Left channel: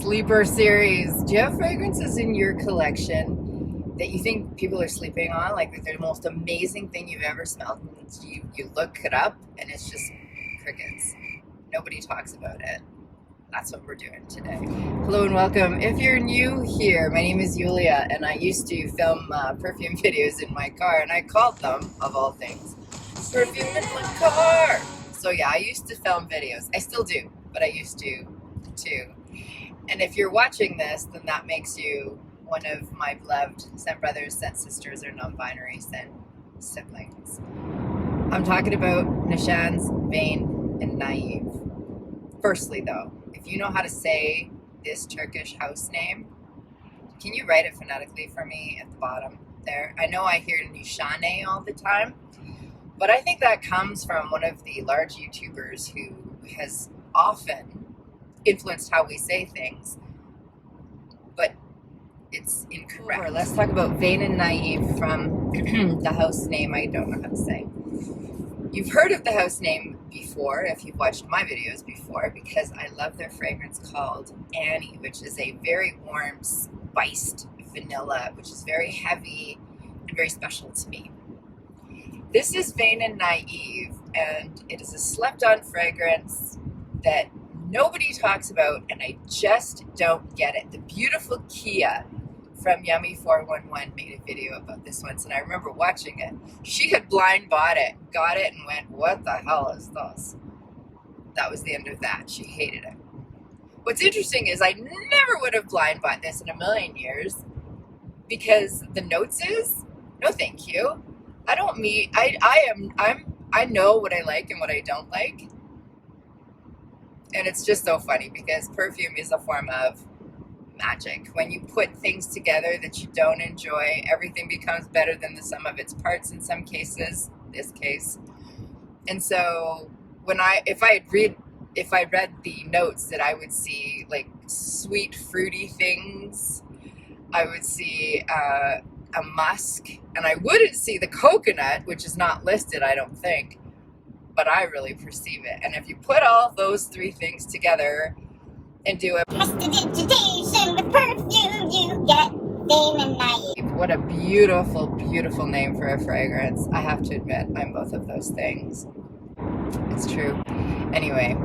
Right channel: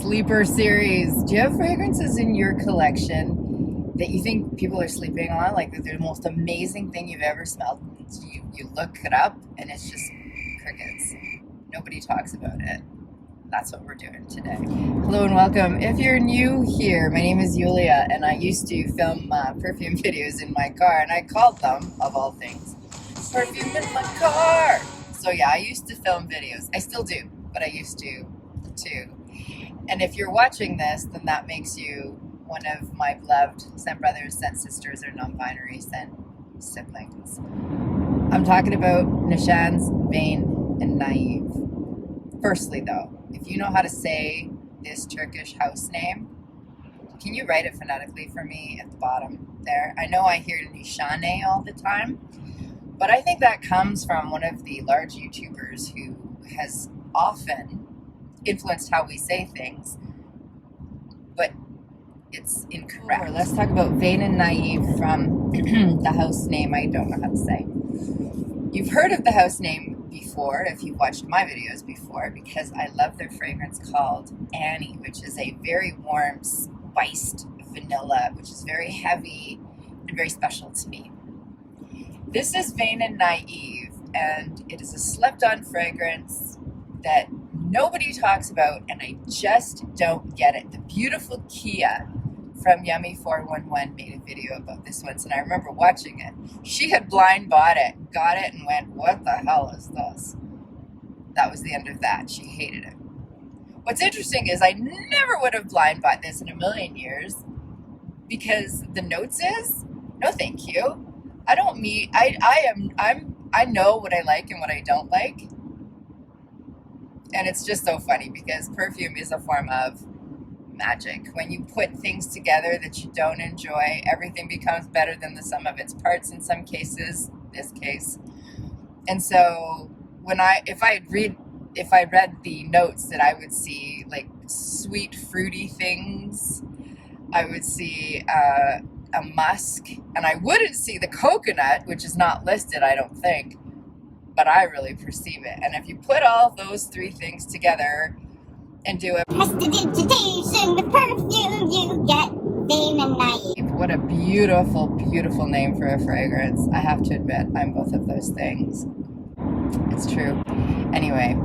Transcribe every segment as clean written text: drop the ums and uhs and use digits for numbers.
Sleeper series. Do you have fragrances in your collection that you think people are sleeping on? Like that they're the most amazing thing you've ever smelled. You look it up and it's just crickets. Nobody talks about it. That's what we're doing today. Hello and welcome. If you're new here, my name is Yulia and I used to film perfume videos in my car, and I called them, of all things, Perfume in the Car. So yeah, I used to film videos. I still do, but I used to too. And if you're watching this, then that makes you one of my beloved scent brothers, scent sisters, or non-binary scent siblings. I'm talking about Nishane's Vain and Naïve. Firstly though, if you know how to say this Turkish house name, can you write it phonetically for me at the bottom there? I know I hear Nishane all the time, but I think that comes from one of the large YouTubers who has often influenced how we say things, but it's incorrect. Let's talk about Vain and Naïve from the house name I don't know how to say. You've heard of the house name before if you've watched my videos before, because I love their fragrance called Annie, which is a very warm, spiced vanilla, which is very heavy and very special to me. This is Vain and Naïve, and it is a slept-on fragrance that nobody talks about, and I just don't get it. The beautiful Kia from Yummy 411 made a video about this once, and I remember watching it. She had blind bought it, got it, and went, "What the hell is this?" That was the end of that. She hated it. What's interesting is I never would have blind bought this in a million years, because the notes is, no thank you. I know what I like and what I don't like. And it's just so funny because perfume is a form of magic. When you put things together that you don't enjoy, everything becomes better than the sum of its parts in some cases, this case. And so if I read the notes, that I would see like sweet fruity things, I would see a musk, and I wouldn't see the coconut, which is not listed, I don't think, but I really perceive it. And if you put all those three things together and do a prestidigitation with perfume, you get Vain and Naïve. What a beautiful, beautiful name for a fragrance. I have to admit, I'm both of those things. It's true. Anyway,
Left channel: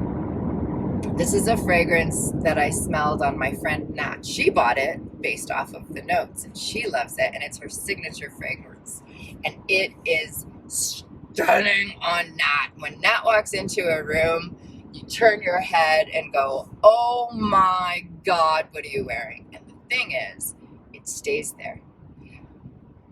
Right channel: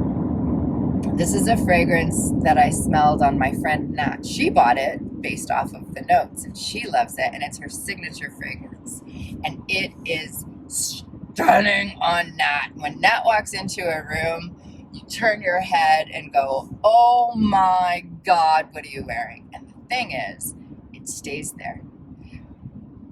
this is a fragrance that I smelled on my friend Nat. She bought it based off of the notes, and she loves it, and it's her signature fragrance. And it is stunning on Nat. When Nat walks into a room, you turn your head and go, "Oh my God, what are you wearing?" And the thing is, it stays there.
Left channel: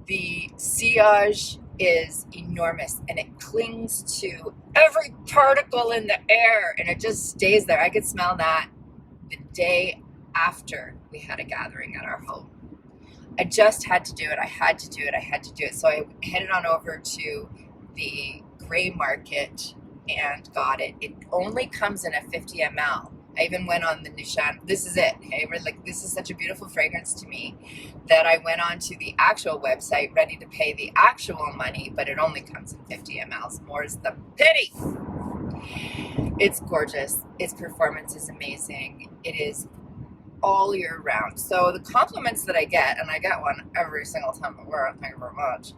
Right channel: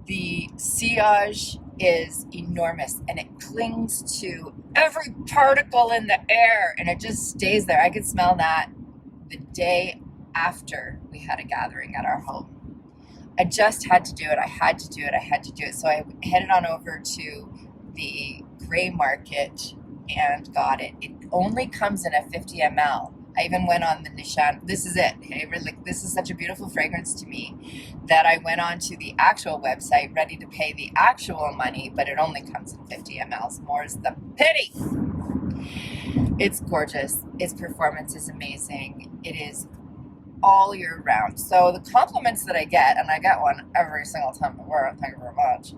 The sillage is enormous, and it clings to every particle in the air, and it just stays there. I could smell that the day after we had a gathering at our home. I just had to do it. I had to do it. So I headed on over to the gray market and got it. It only comes in a 50 ml. I even went on the Nishane. This is it. Okay? Like, this is such a beautiful fragrance to me that I went on to the actual website ready to pay the actual money, but it only comes in 50 mls. More's the pity. It's gorgeous. Its performance is amazing. It is all year round. So the compliments that I get, and I get one every single time I wear it, thank you very much,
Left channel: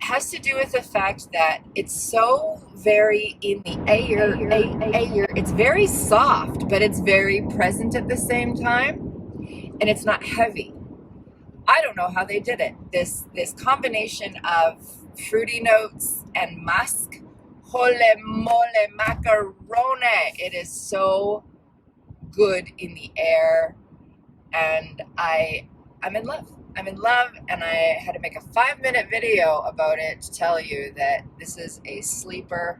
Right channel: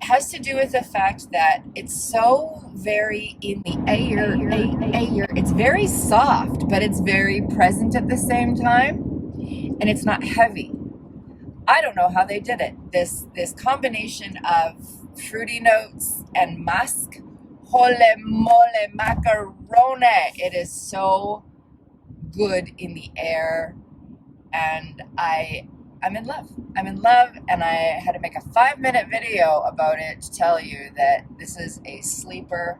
has to do with the fact that it's so very in the air. It's very soft, but it's very present at the same time, and it's not heavy. I don't know how they did it. This combination of fruity notes and musk, holy mole macaroni. It is so good in the air, and I'm in love. I'm in love, and I had to make a 5-minute video about it to tell you that this is a sleeper.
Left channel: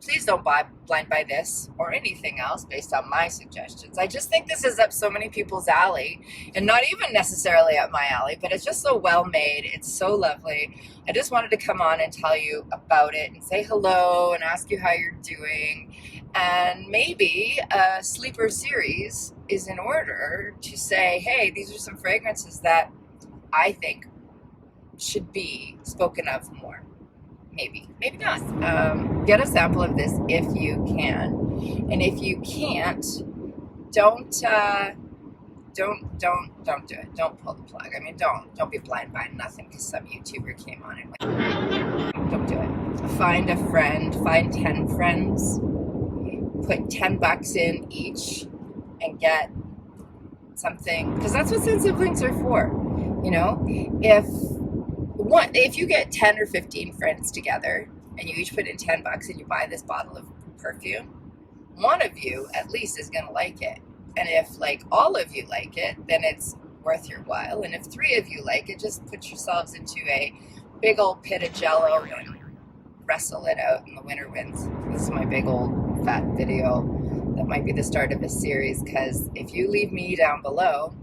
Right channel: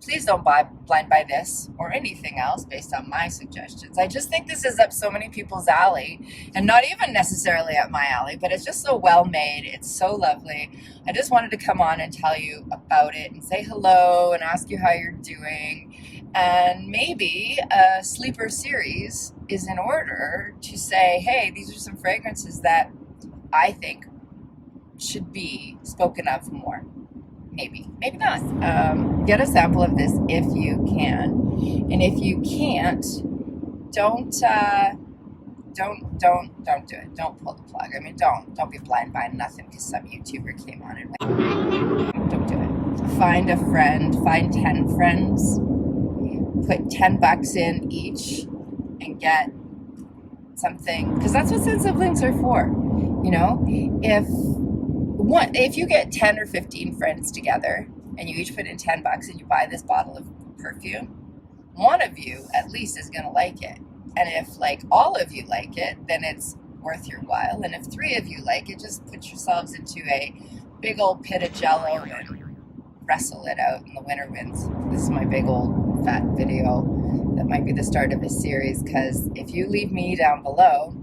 Please don't blind buy this or anything else based on my suggestions. I just think this is up so many people's alley, and not even necessarily up my alley, but it's just so well made. It's so lovely. I just wanted to come on and tell you about it and say hello and ask you how you're doing. And maybe a sleeper series is in order to say, hey, these are some fragrances that I think should be spoken of more. Maybe not. Get a sample of this if you can. And if you can't, don't do it. Don't pull the plug. I mean, don't be blind buying nothing because some YouTuber came on and went. Don't do it. Find a friend, find 10 friends, put $10 in each and get something, because that's what sensitive links are for. You know, if you get 10 or 15 friends together and you each put in $10 and you buy this bottle of perfume, one of you at least is going to like it. And if like all of you like it, then it's worth your while. And if 3 of you like it, just put yourselves into a big old pit of jello and wrestle it out in the winter winds. This is my big old fat video that might be the start of a series, because if you leave me down below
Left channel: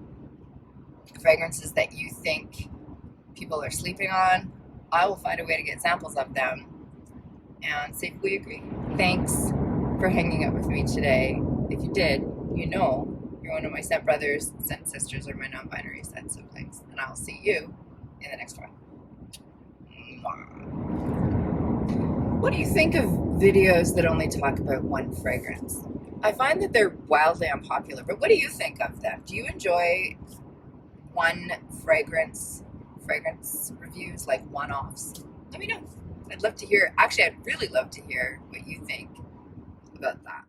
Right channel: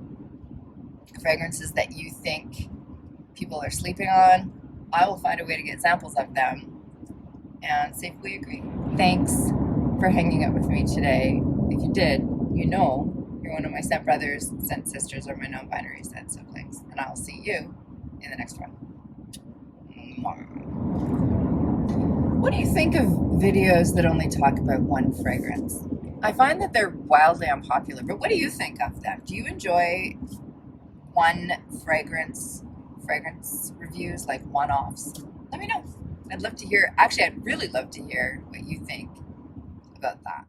fragrances that you think people are sleeping on, I will find a way to get samples of them and see if we agree. Thanks for hanging out with me today. If you did, you know you're one of my stepbrothers, stepsisters, or my non-binary step siblings, and I'll see you in the next one. What do you think of videos that only talk about one fragrance? I find that they're wildly unpopular, but what do you think of them? Do you enjoy one fragrance reviews, like one-offs? Let me know. I'd love to hear. Actually, I'd really love to hear what you think about that.